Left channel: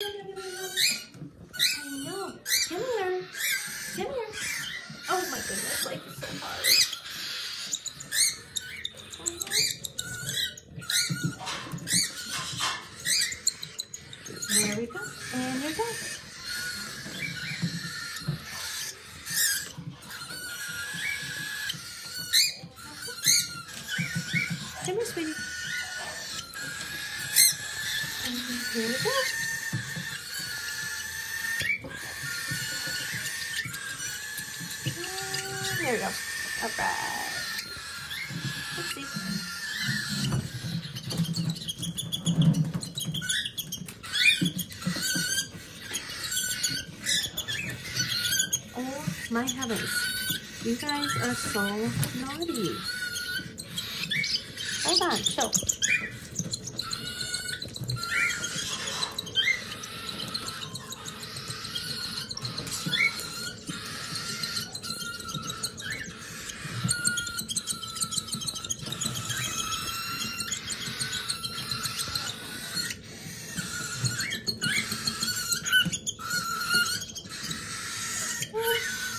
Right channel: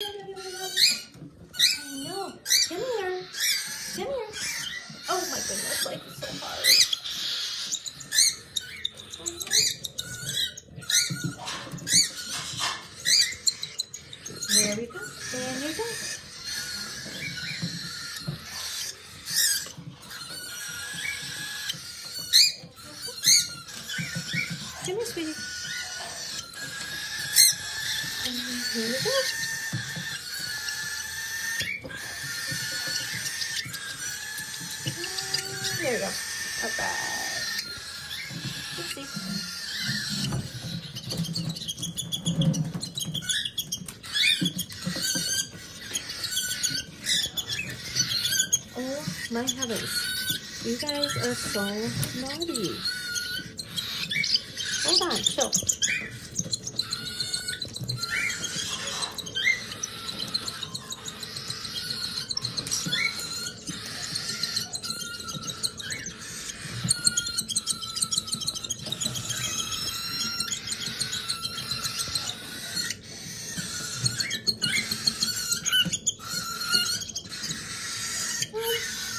I know. Come here. Come here. Oh my goodness, like it's so hard. There we go. And you're done. Come here, sweetie. Here we go. There we go. Okay. Let's see. Oh my heavens. You guys are so naughty. Hold on, so.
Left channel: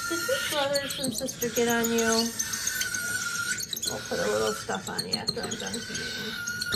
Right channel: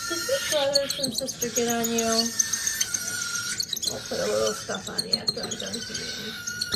Did your brothers and sister get on you? I'll put a little stuff on you after I'm done feeding.